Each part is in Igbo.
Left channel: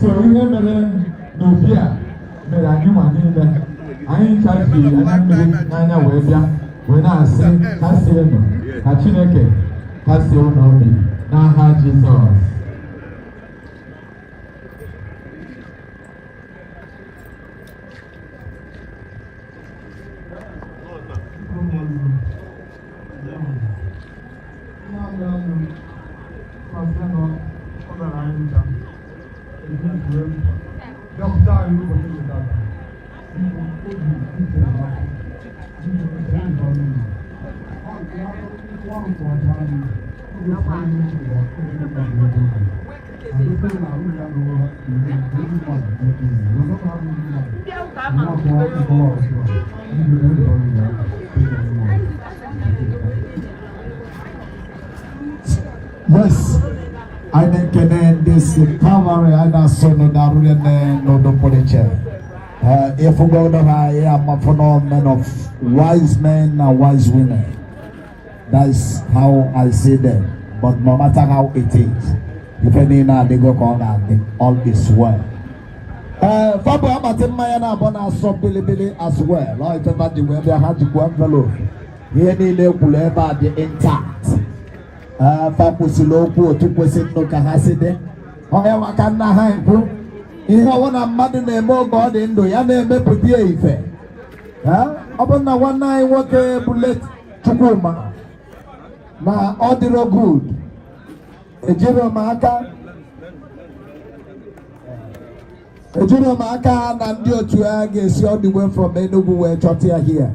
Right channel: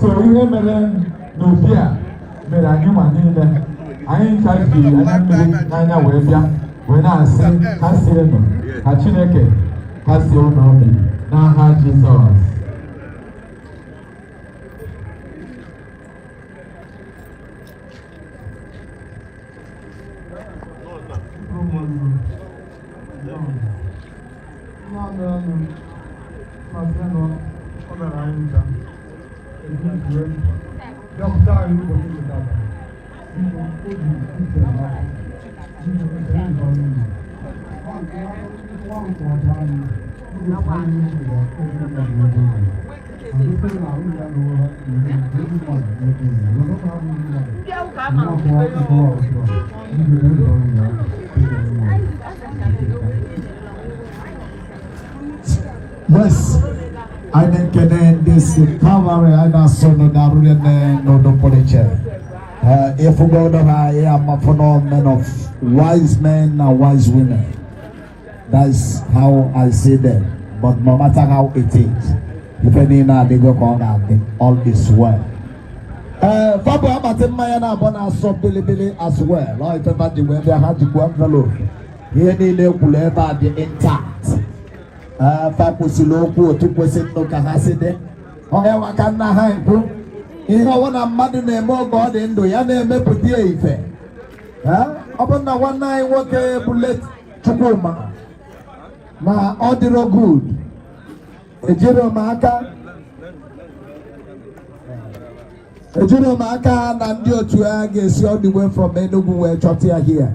So we have no fear. But I do my name there. I ain't trying to be Nana Webia. When I say Castellano, Hachineke, Castellano, Nana Jesus. Yes, I think this cover and I saw no Darwin no Police. If we go there, I am a phenomenon of wise men and wise women. That's how I say that. But no matter how it is, if any now they go on and all is well. Fabu Amatim Mayana Bona so Billy as well. I can imagine when they had to go envelope. Here they will ever be intact. Fabu Siloku, 2% no Kahaside. However, I can not hide. Ihe wana mmadụ na-eme oge ọ dị ndụ ya na-emepụta ya ife. Ọ bụ na nwanne anyị nwoke Bullet Chukwuma na ọ dịrọ good. Ejiri m aka na ndị otu ya ga-esi all the way from Enugu wee chọta ya here.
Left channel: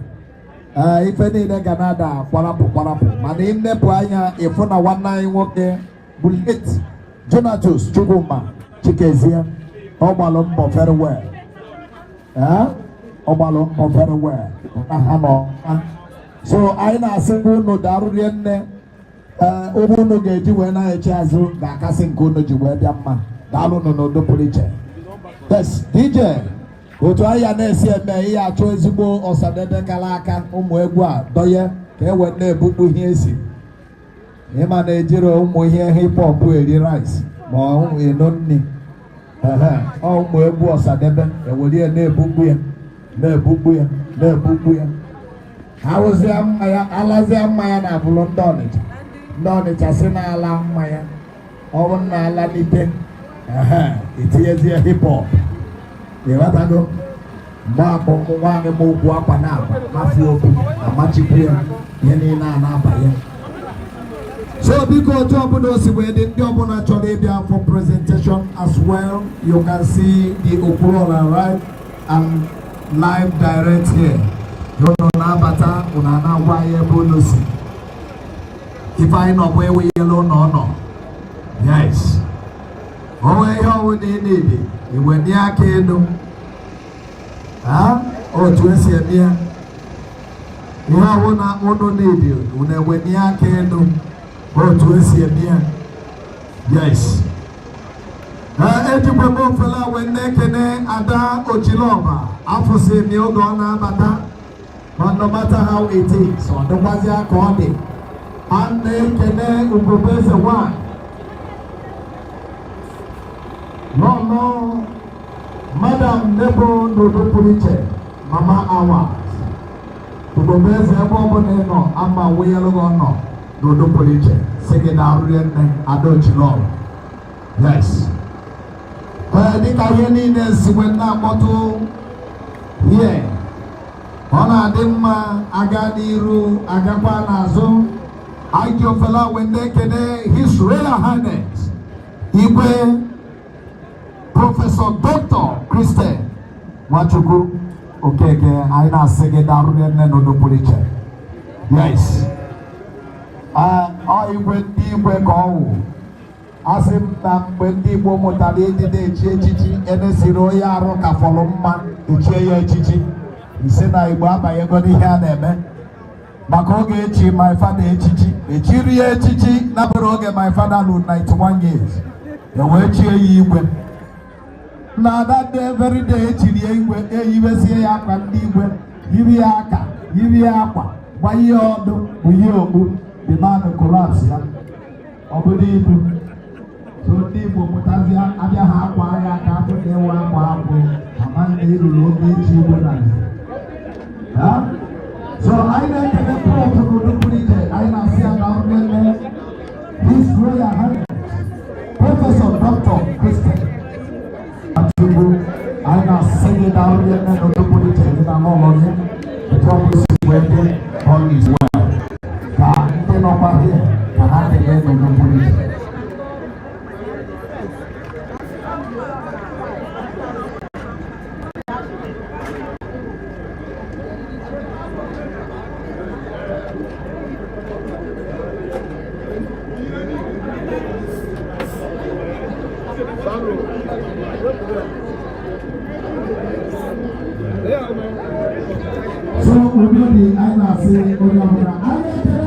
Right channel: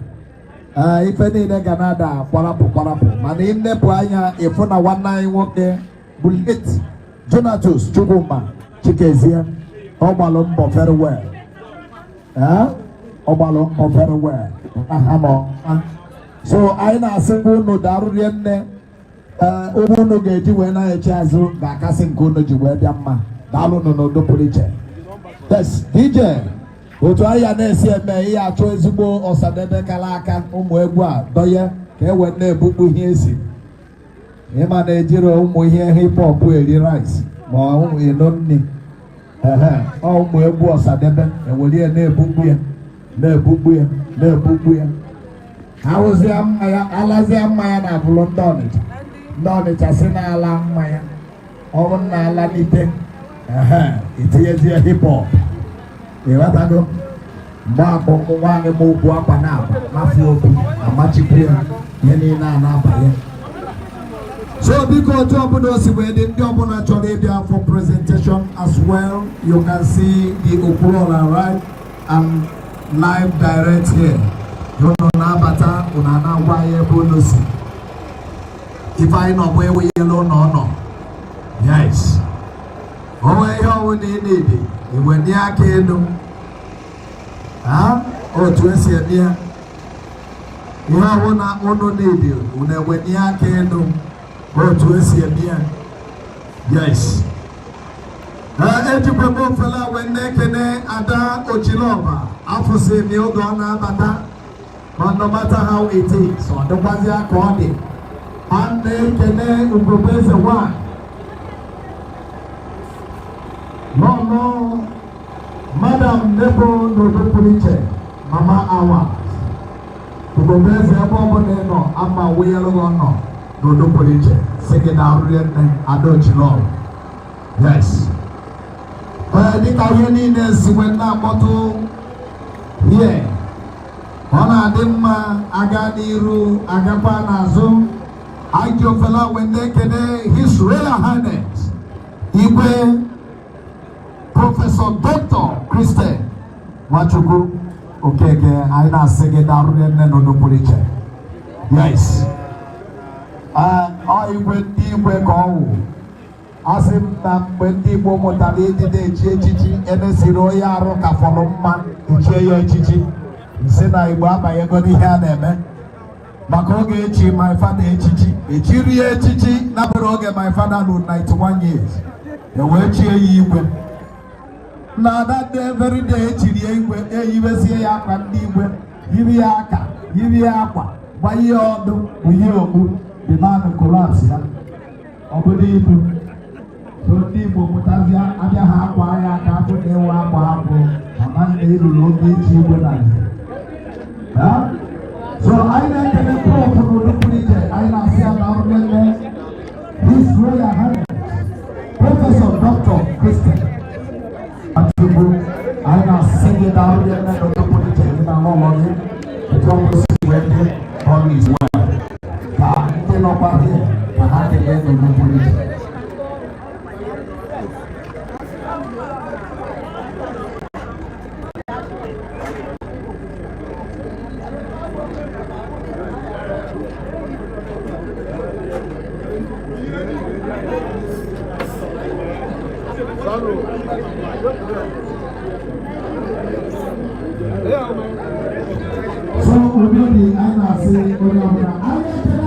Ife niile ga na-ada kwarapụ. Mana imepụ anya ịfụ na nwanne anyị nwoke Bullet Donatus Chukwuma Chikezie. Obalum very well. Obalum very well. So I na single no darurienne. No geji when I chazu. Gakasin kuno juwe diamma. Dalu no do police. Yes, DJ. Otuaya nesi eme iya chozubo osadebe kalaka umwegwa doye ke wenne bubu hiesi. Ema na ejiro umu hie hip hop eri rice. Ma umu enonni. All my boss are never, and will hear no book. How was there? I have done it. Done it as an alarm, Maya. Over Nalani. It is a hip hop. You want to go? Mark on one and move up and out. Matthew, a magic prayer, any nana. So because top of those wedding job on Arabia for presentation as well, you can see the Oklahoma right and live direct here. You know Nabata, Unana Wire bonus. If I know where we alone or no. Yes. Oh, I know they need it. It went the arcade. Oh, to see it here. You have one need you. When went the arcade. Go to see again. Yes. Ejibabo fella when nekene ada Ochiloma. After say me ogona bata. But no matter how it is, so the wazia kodi. And nekene ugubeze one. No. Madam Nebo no police. Mama Awa. Ugubeze abo no ama weyelo no. No police. Second out and Adochino. Yes. But I think I hear when that bottle here. Ona Dimma, Aganiru, Agapanazo. I do fella when they can His Royal Highness. Ibe Professor Dr. Christian Machuku. Okay, I now second out and no police. Yes. I went deep where go. As if when the woman did chichi and a Siroya Roca Folomba, the chair chichi. He said, I go by a good hand. Makoge, my father, chichi. A chiria chichi, Nabaroga, my father, 91 years. The word cheer you went. Now that day, very day, chiria went, USA can be with Yiviaka, why you do, the man collapse. So ndị Igbo mụtazịa abịa ha akwa ya ka afọ na-ewe akwa afọ ama na iruru oge ichi igwe na so anyị na-ekele prọf n'ụlọpụrụ iche anyị na-asị ya na mmemme His Royal Highness Prọfesọ Dr. Christian Achụgbu anyị na-asị gị na mmemme n'ụlọpụrụ iche gị na ụlọ gị etu ọ bụrụ si wee dị ọrụ izu a ka ndị nọkwa gị ka ha kele n'ụlọpụrụ iche.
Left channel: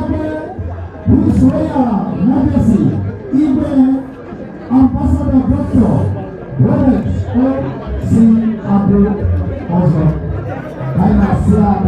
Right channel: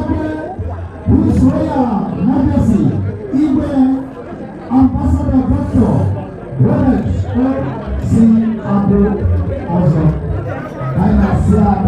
His Royal Majesty, Igwe Ambassador Dr. Robert C. Abu Ozo. I see a